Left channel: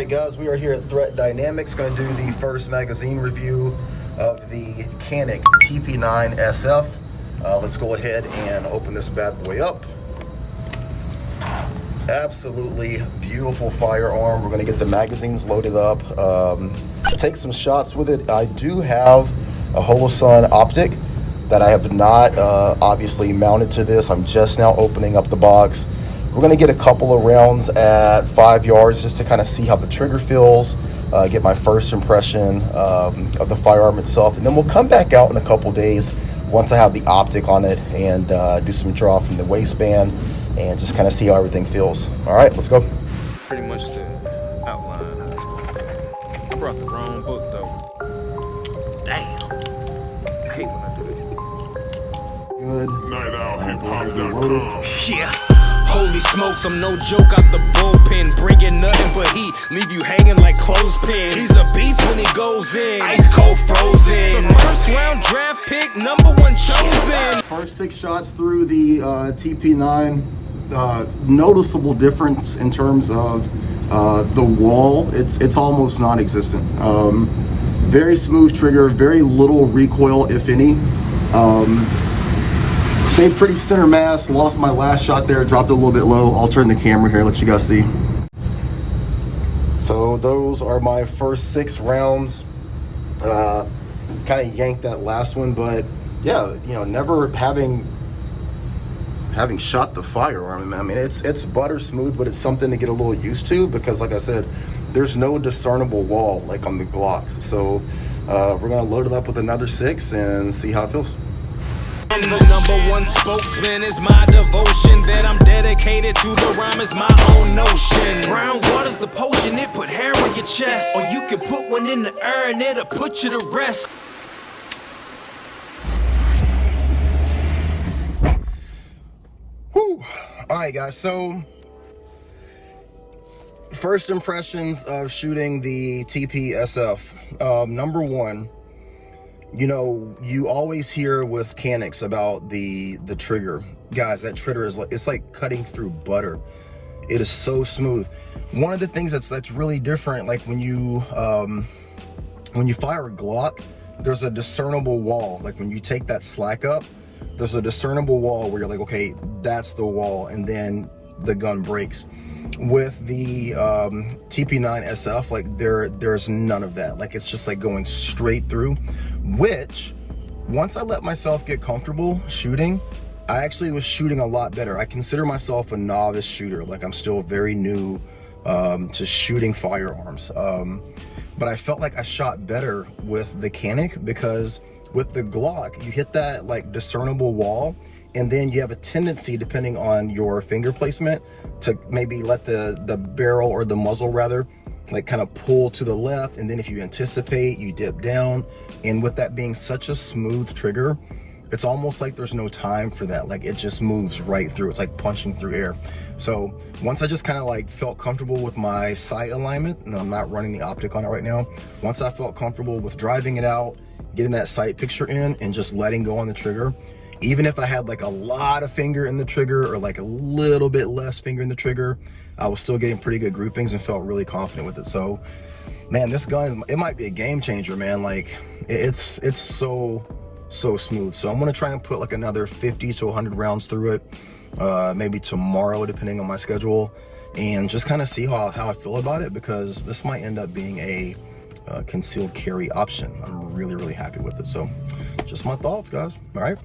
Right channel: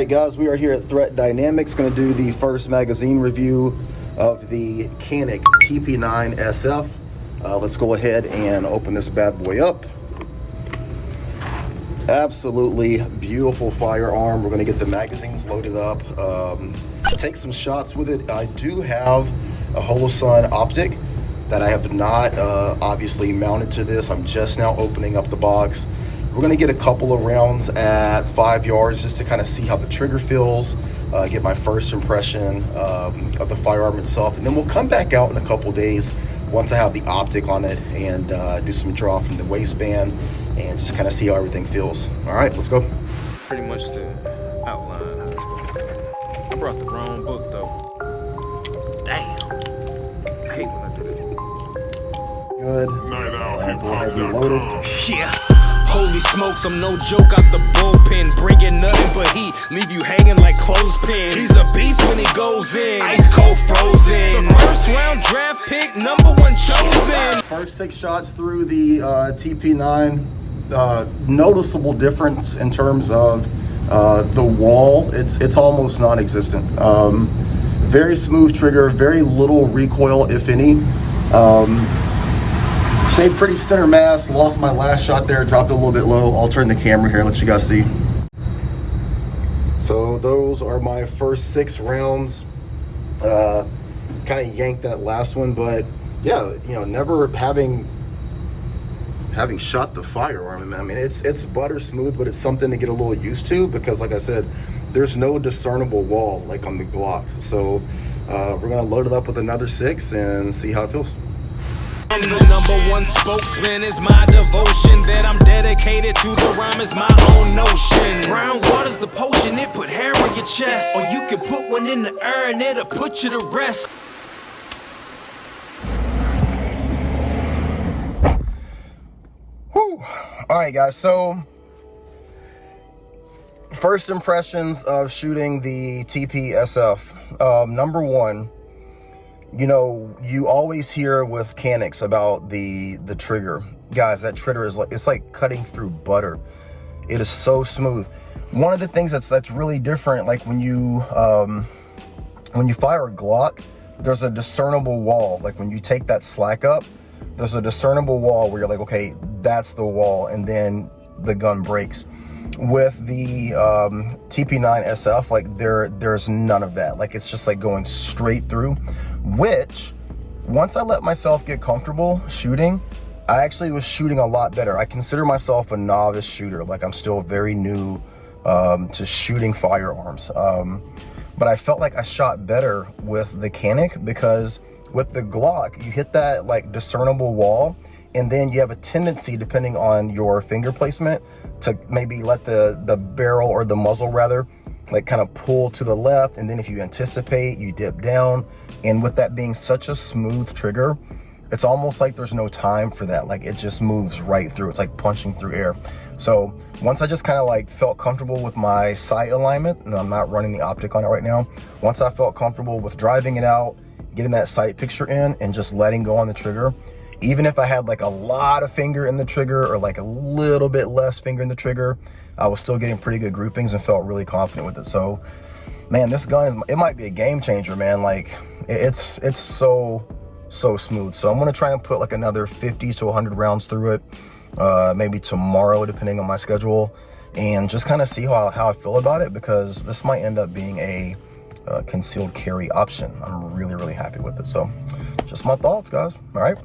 right, guys, we are here at Threat Dynamics, going to do the first magazine review of the Canik TP9 SF. Let's go ahead and open this bad boy up. Absolutely beautiful firearm. We're going to get the magazines loaded up, take some shots with it. I do have a Holosun optic that I have not obviously mounted to this. I'm just now opening up the box. We're gonna get a couple of rounds at 5 yards just to kind of see how the trigger feels, get my first impression of the firearm itself, and then we'll come back out in a couple days once I have the optic on it and do some draw from the waistband and just kind of see how everything feels. All right, let's go. Pretty much the outline. I brought the wrong book though. Damn. I hate when I do that. Good. NightOutHipHop.com. Yeah. Holy smokes, I'm no joke out the bullpen. Bringing nothing but heat, leave you hanging like clothespins. He's a beast when he goes in, ice cold frozen. The first round draft pick, #1 chosen. First 6 shots through the TP9. Noticeable difference in terms of the wall. It's almost non-existent. Very smooth trigger, very little recoil, if any. Stayed pretty center mass, lost my last shot there, dropped it a little bit low. I'll turn the camera here, let you guys see. So those are my first 6 rounds. Kind of yanked that last one, but yeah, you know, never having shot the firearm. I mean, it's butter smooth, but it's something to get a little used to because, like I said, there's no discernible wall like on the Glock. So we're gonna load it up with another 6 and see how it feels. And the #1 spokesman is my devotion. That I'm dedicated to the rhyme is my own notion. Brown water's the potion, it put hair on your chest. Or you could put one in the air and it'll put you to rest. Whew. All right, guys, so first impressions of shooting the TP-SF. #1, you know, you always hear with Caniks about the trigger. Guys, that trigger is like, it's like cutting through butter. It is so smooth. One of the things that's really different, like when you fire a Glock, there's a discernible wall. Like when you take that slack up, there's a discernible wall where you're like, okay, that's the wall, and then the gun breaks. With the TP9 SF, like there's none of that. Like it's just like going straight through, which once I let myself get comfortable shooting, I actually was shooting a lot better. I consider myself a novice shooter. Like I'm still very new to shooting firearms. But I felt like I shot better with the Canik because with the Glock, you hit that like discernible wall, and then you have a tendency, depending on your finger placement, to maybe let the barrel or the muzzle rather, like kind of pull to the left. And then if you anticipate, you dip down. And with that being such a smooth trigger, it's almost like there's no time for that. Like it just moves right through. It's like punching through air. So once I just kind of like felt comfortable with my sight alignment, and I'm not running the optic on it right now. Once I felt comfortable with driving it out, getting that sight picture in and just letting go on the trigger, even if I had like a lot of finger in the trigger or like a little bit less finger in the trigger, I was still getting pretty good groupings and felt really confident with it. So man, this gun, it might be a game changer, man. Like it's so smooth. So I'm gonna try and put like another 50 to 100 rounds through it, maybe tomorrow, depending on my schedule, and just kind of see how I feel about it, because this might end up being a concealed carry option. I'm really happy with it. So just my thoughts, guys. All right.